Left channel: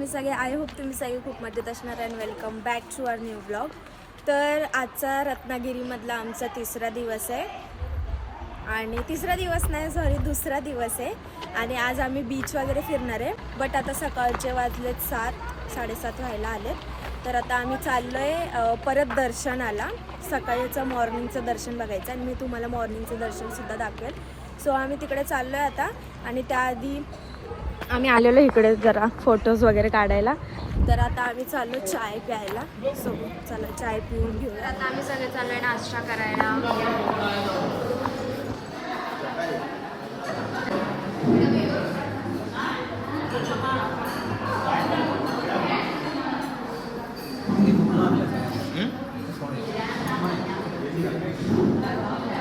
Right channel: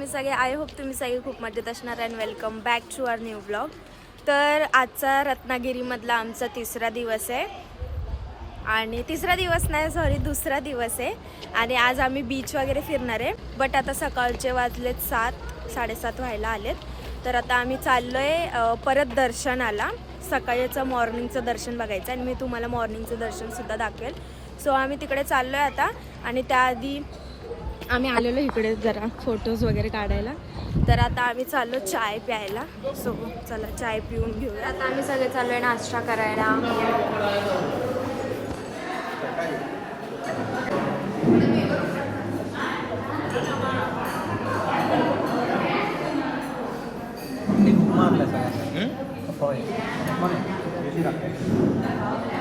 तुम्ही सगळे. I hope तुम्ही सगळे खूप मजेत असणार. And welcome back to our new blog. तर आजचा रत्नागिरीमधला आमचा तिसरा दिवस आहे. आणि तिसरा दिवस नाही, सॉरी, दुसरा दिवस आहे. आणि आज आम्ही बीच वगैरे फिरणार आहे. बट आता सकाळचे वाजलेत 7-7:30 व्हायला आलेत. तर आता आम्ही चाललो आहे परत दर्शनाला. सकाळचं मॉर्निंगचं दर्शन बघायचं आणि मी तुम्हाला मॉर्निंगचं दर्शनसुद्धा दाखवेल. सो आम्ही तिकडे चाललो आहे आता. आणि त्याआधी आम्ही आलेलो इकडे जरा फोटोज वगैरे काढायला. तर आता आम्ही चाललो चाय प्यायला. सो चला चाय पिऊन घेऊया. आता आम्ही सगळे चाललो आहे नाश्ता करायला.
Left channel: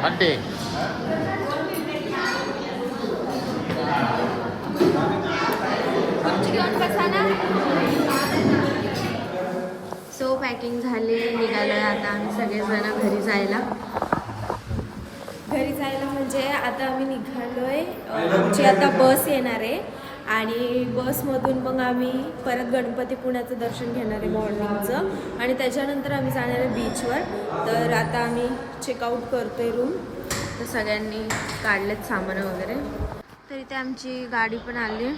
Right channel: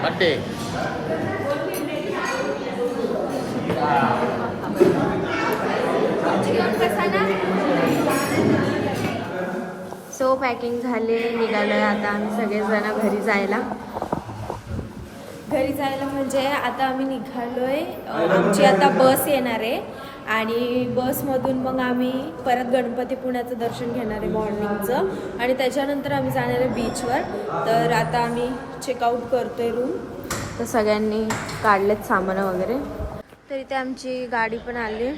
बड्डे सो पॅकिंग झाले, निघालोय आता आम्ही सगळेजण घरी जायला. म्हणजे आता आम्ही निघालोय. आमची आता बस येणार आहे आणि बसमधून मग आम्ही परत गणपतीपुण्याचं दर्शन घेणार आहे मॉर्निंगचं. आणि त्याच्यानंतर आम्ही जाणार आहे बीचवर. तर आता आम्ही चेकआउट करतोय रूम. तर सगळ्यांनी काढलेत सामानं वगैरे. तर इथे आमची गाडी पण आली.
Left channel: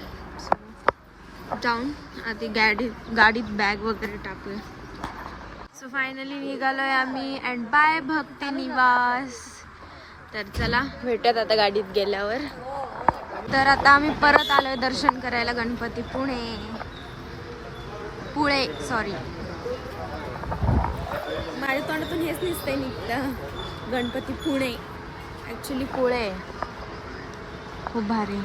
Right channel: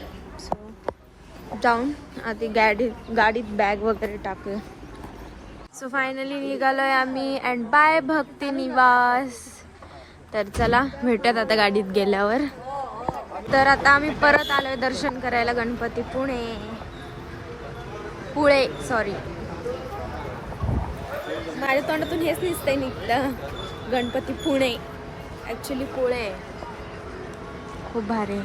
जाऊन आधी गाडीत बॅग वगैरे टाकूया. सो फायनली निघालोय आम्ही. अँड बाय भक्ती निवास. तर चला भेटूयात आता गाडीत गेल्यावर. तर आता आम्ही परत आलोय दर्शन करायला पुळे सॉरी, माझ्या तोंडातून हेच निघतंय निघतं. गणपती पुणे, ॲक्च्युली पुळे. खूप भारी.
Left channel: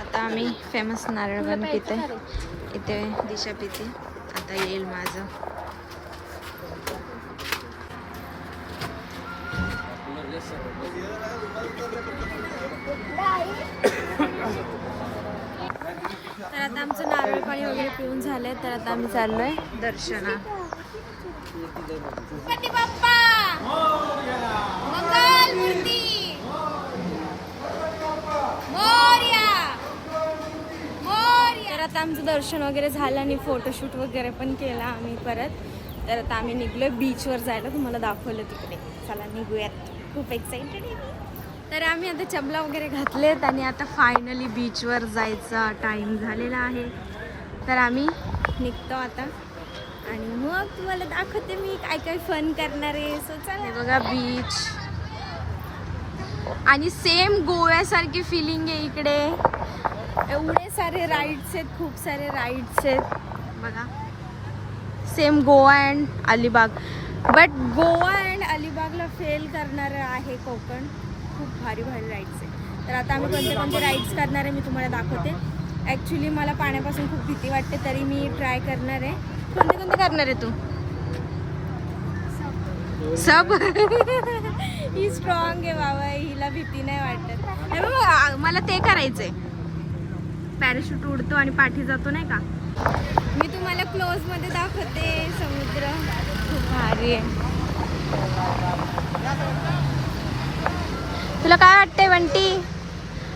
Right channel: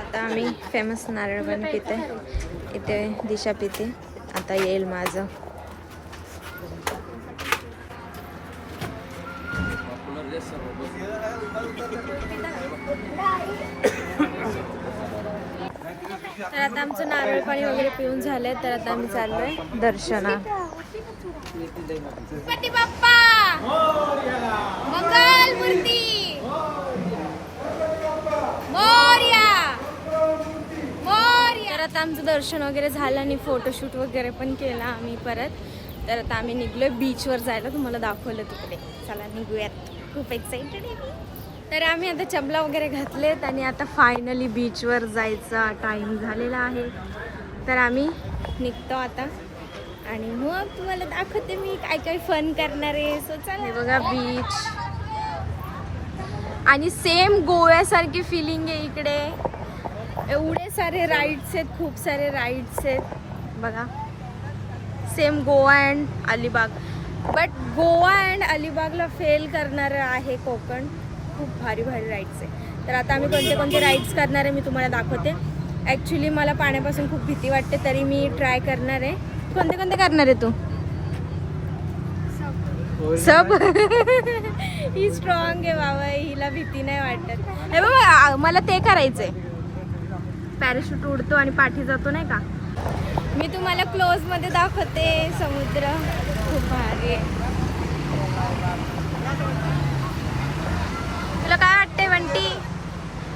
आता आम्ही फेमस नारळ पण पिते. इथे दिशा पिते. आता येईल माझं. तर आता आमचं नारळ पाणी वगैरे पिऊन झालंय. तर आता आम्ही चाललोय दर्शनात. गणपती बाप्पा मंगल मूर्ती मोरया. तर आता आमचं दर्शन वगैरे झालं आणि फोटोशूट वगैरे पण केला आम्ही परत. तर आता आम्ही निघलोय बीचवर जायला. तुम्हाला दाखवलं तिकडे. चला निघूयात. खूप एक्साइटेड आहे मी. तर आम्ही आता चपला वगैरे घातलेत आणि आता फायनली बीचवर जायचा टाईम झालेला आहे. तर आम्ही निघतो आता आणि मग तुम्हाला दाखवते मी काय काय फन करणार आहे. सो चला. हे बघा बीच. आणि सेम गोव्यासारखी फिलिंग आहे इकडे. एवढे सारे राईड्स आहेत, खूप सारे राईड्स आहेत बघा. Same Goa and Alibag. But Goa and अलिबागला फेल करणारं आहे कोकण. खूप भारी भारी राईड्स आहे. तर आता आम्ही कोणते कोणते राईड्स करणार आहे मी तुम्हाला दाखवते. ॲक्च्युली मला पाण्यापासून खूप भीती वाटते, तरी मी ट्राय करणार आहे. कोणते कोणते करणार आहे तू? सब. ही स्ट्रॉंग आहे बाबा, हिला भीती नाही वाटत. हे बघ, मला ते करायचंय. पॅराशूट उडतो आणि पाठी जातो नाही का. मी तुम्हाला क्लोज मध्ये दाखवते. समुद्र खूप भारी आहे. तुला काय वाटतंय बंटी?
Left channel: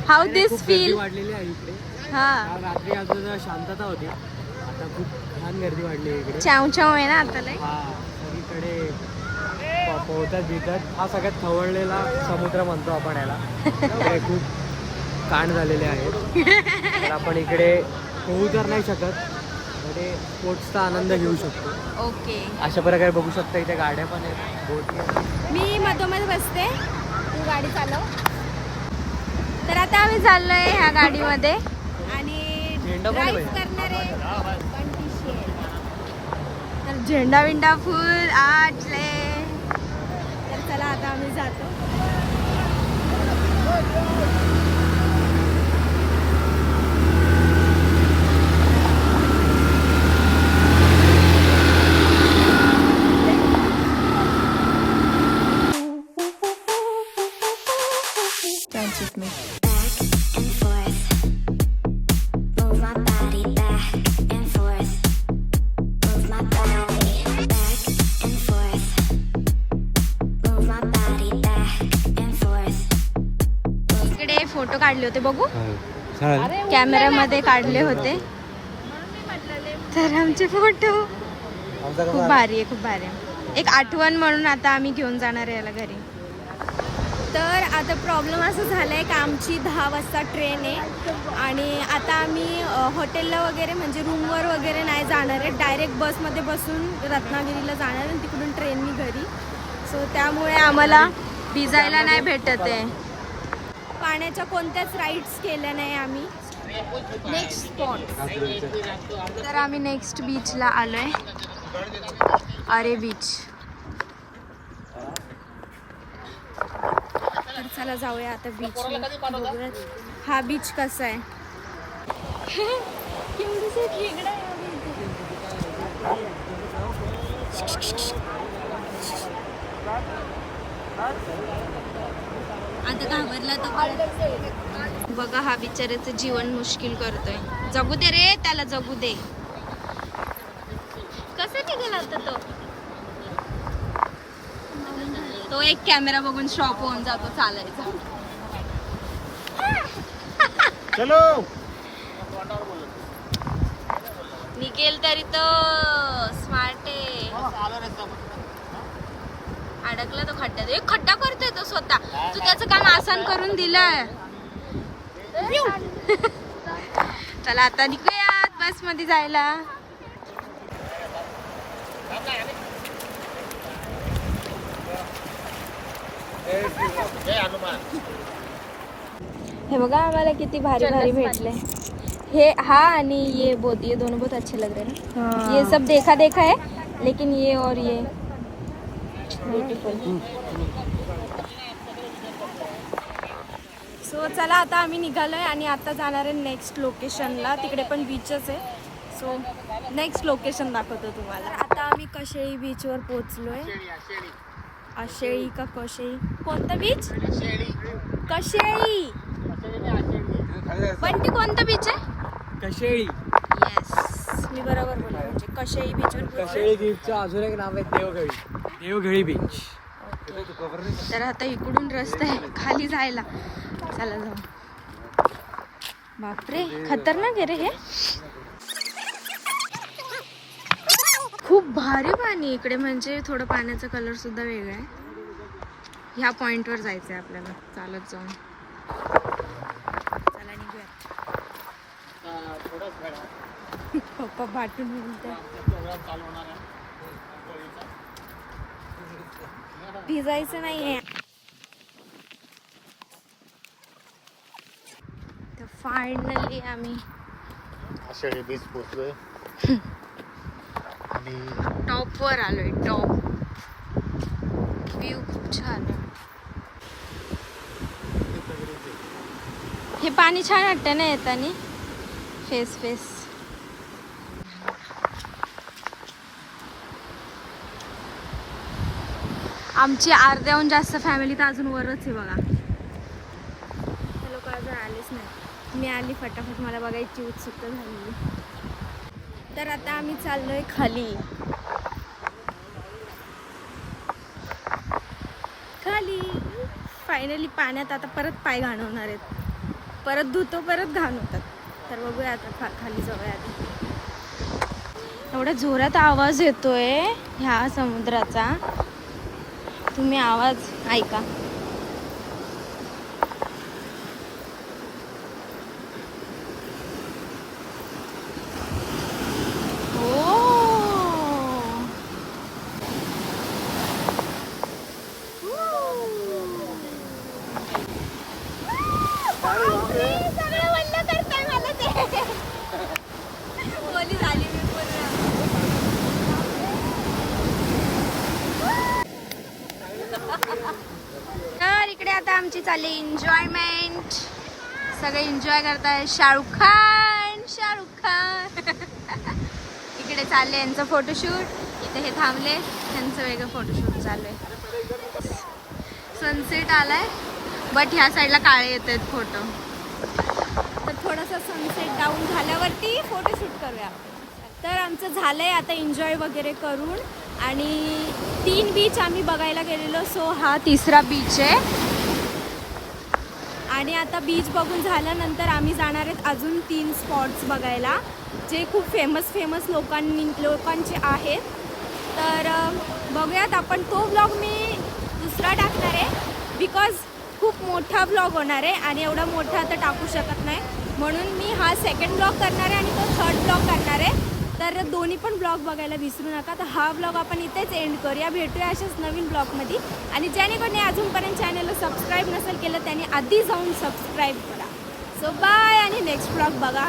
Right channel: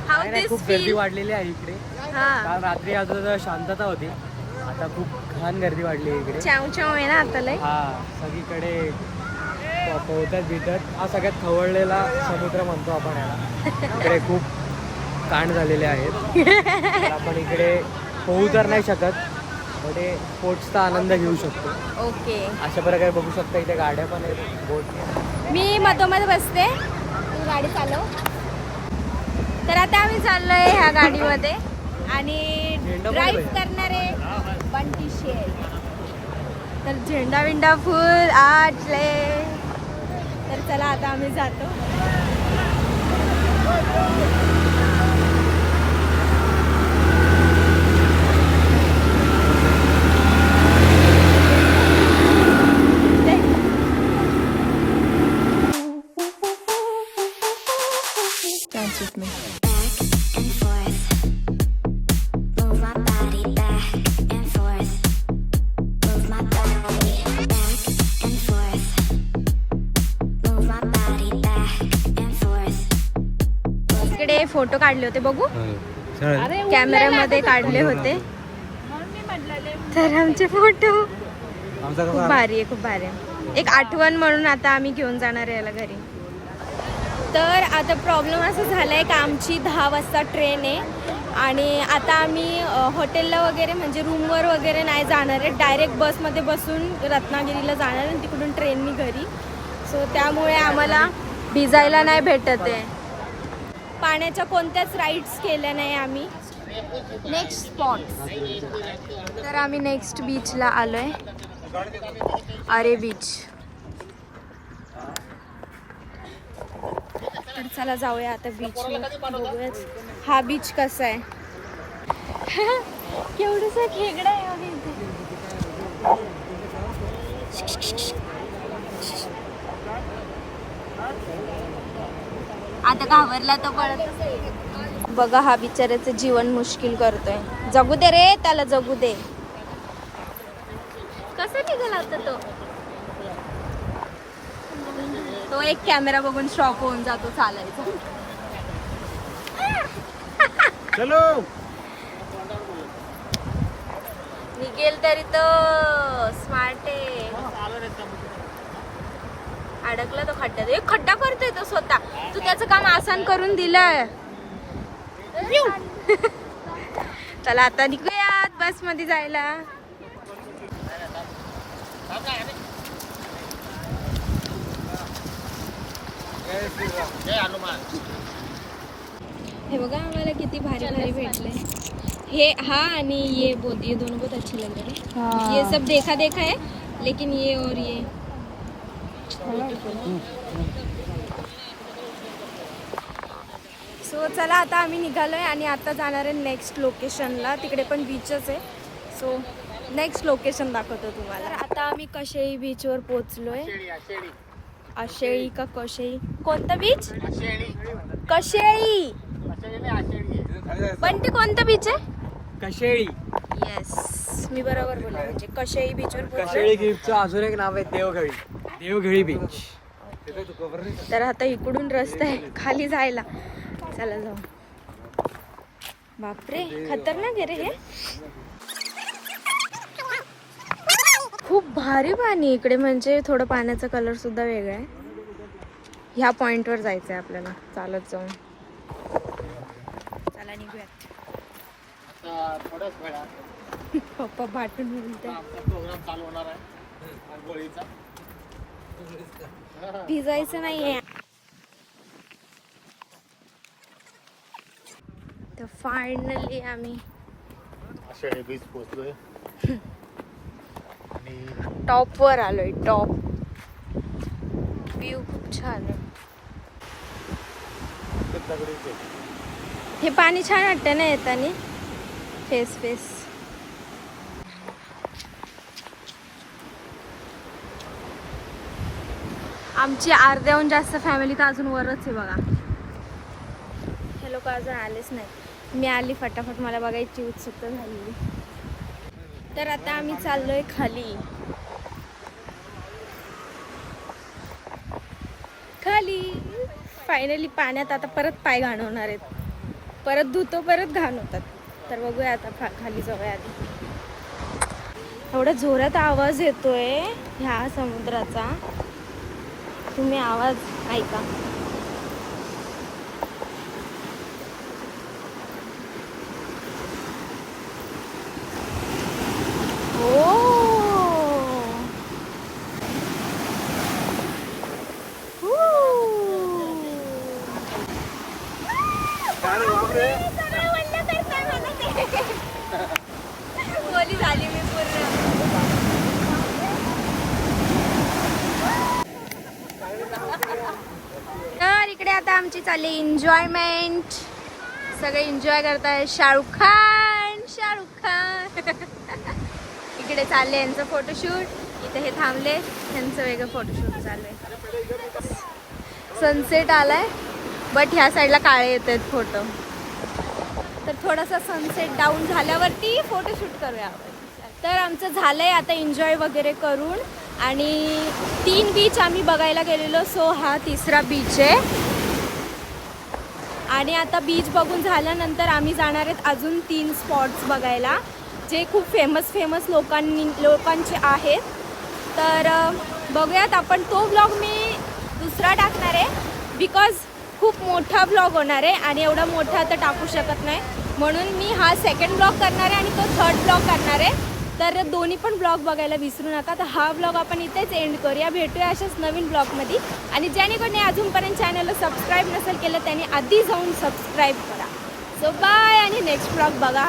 हाऊ दिस खूप फील? गर्दी वाढलेली आहे इकडे. काल रात्री अजून शांतता होती, आता खूप घाण गर्दी वाढली आहे इकडे. चाव चाव आहे ना आता लय. हा, सगळीकडे पोहतात बितात. हा सगळ्यात खवळलेला समुद्र म्हणतो आपण याला. इकडे खूप कांड झालेले आहेत. तर आपण इकडे पोहू तर नाही शकत, पण स्पोर्ट्सचा आनंद घेऊ शकतो. ओके, अशा प्रकारे बघू शकता. इथे गाड्या पण आहेत, बोट. मी मधोमध बसते, तू गाडी चालव. तर आता आम्ही चाललोय ह्या गाडीमध्ये आणि ड्राईव्ह करणारे बंटी शेर. तर झेंडा विंडा फुल आटले. तर चला आता आम्ही जातो. Dance with me. Back and forth. Move my body back and forth. Move my body back and forth. Move my body back and forth. इकडे फोटो काढले होते बघू. कॅमेऱ्यामध्ये काढले होते. तर आमचे फोटो खूप भारी आहे, खूप भारी आहे. एक आठवण म्हणून आता आम्ही घेऊन जाणार आहे याला घरी. तर आता प्रॉब्लेम असं झाला आहे की आमची 10 वाजता ट्रेन आहे आणि आता आम्ही हॉटेलला वगैरे म्हणजे रूमवर वगैरे नाही जाणार आहे. डायरेक्ट बसमध्ये बसून रत्नागिरीला जाणार आहे आणि तिकडून ट्रेननी घरी. सो त्यामुळे आम्हाला भिजायला नाही भेटत आहे. पाण्याच्या कोणत्याच राईड्स केल्या नाही आम्ही. नेक्स्ट स्पॉट तर आम्ही नेक्स्ट बीचला आलोय, अरे बीच. तर चला जाऊया आता बीचवर, बघूयात हा बीच कसा आहे. केवढंसं खेकडा आहे अगं इथे. आता घाबरला तर पळतच आहे. बघा हा बिचाऱ्याचं जीवन मुश्किल करतोय. जगू दे रे त्याला, जगू दे. कसं निघाला आता तो एक कॅमेरा बघून शॉक होऊन जातो चालायचा. चलो निघेल तरी तो स्मार्ट आहे. अडकला तो खड्ड्यात. एक खड्डा करतोय तो स्वतः. तू त्याचं काम आसान करून दिलंय. चला आता निघूयात बस मध्ये जायला. हे बघा आम्हाला किती भारी भारी भेटले. हे हा आणि ये बहुत, ये दोनों बहुत अच्छे लग रहे हैं. ये सब देखा देखा है लेकिन ये और ये ब्युटिफुल. सो चला आता आम्ही निघालोय आणि आता जाणार आहे नेक्स्ट लोकेशनला. तिकडे पण बीचच आहे. सो नेक्स्ट लोकेशन दाखवतो तुम्हाला. आता आम्ही कशेळी बीचवर पोहोचलोय. आशेळी का कशेळी, कोणता बीच? कशेळी. पण ते कोणतं बीच आहे? कशेळी. येस मी बरोबर बोलले. म्हणजे कशेळी बीचवर पोहोचलोय. कशेळी बीचचं अजून एक नाव आहे देवघळी. देवघळी बीच. तर आता इकडून रस्ता आहे खाली जायला. चला जाऊ. बापरे खतरनाक आहे रे हे. खूप भारी पाणी इकडे. म्हणजे थोडं पाण्याचा कलर सुद्धा वेगळा आहे. ह्या पॉइंटवर जायचं आहे आपल्याला चालत जाऊन. चला निघूयात. पप्पा बाटून बोलते. भिजायचं नाहीये. तर फायनली आम्ही आषाढी बीच पोहोचलोय आणि टॉप वर आलोय. टॉप व्ह्यू खूप छान आहे. हे पाणी छान वाटतं ना येताना. फेस फेस आमची अर्ध्याहून जास्त फॅमिली तर अजून वरच आहे बघा. हे लोक अजून आलेच नाही. मी आली फटाफट, मला बघायची उत्सुकता झालेली. तर आता आम्ही चाललोय खाली. खाली फायनली पाण्यात आता परत पाय घाण होणार आहेत. परत धुतो परत घाण होतात. तर बघूया आता खाली जाऊया आधी. एवढ्या जोरात आवाज येतोय ह्या समुद्राचा. तुम्ही आवाज ऐका. बोली झाली मी पूर्ण. तर इकडे आता आमची चालली एन्जॉयमेंट. सगळे एन्जॉय करताय. शाहरुख खान, शाहरुख खान. इकडे चालले यांचं फोटोशूट. इथे हे थांबले, यांचं वेगळं फोटोशूट चाललंय. सनसेट आलाय बट ह्या साईडला काळे येत आहेत फोटो. तर थोडासा सनसेट डाऊन झाल्यावरती फोटोशूट करूया आपण. तर आमचं झालंय आता एन्जॉय वगैरे करून. आणि 3 बीच आम्ही बघायला गेलेलो. सो हा तिसरा बीच आहे. आणि आता बीच बघून झाल्यानंतर आम्ही जाणार आहेत अजून 3 स्पॉट्स बघायला, जे खूप फेमस लोकांचे आहेत. तर बघूयात आपण. तो व्लॉग मी दुसरा टाकणार आहे बिकॉज खूप मोठा व्लॉग होणार आहे आणि एवढा मोठा आता टाकू शकत नाही, म्हणून मी हा सेकंड ब्लॉग करणार आहे आणि तो थर्ड ब्लॉग करणार आहे. तर दोन्ही पण ब्लॉग बघायला विसरू नका. तर हा ब्लॉग आपण इथेच एंड करूया. भेटूया अशाच नवीन ब्लॉगमध्ये. आणि ज्याने कोणी अजूनपर्यंत चॅनलला सबस्क्राईब नसेल केलं त्याने आधी जाऊन सबस्क्राईब करा. सो बाय आणि नेक्स्ट ब्लॉग बघा.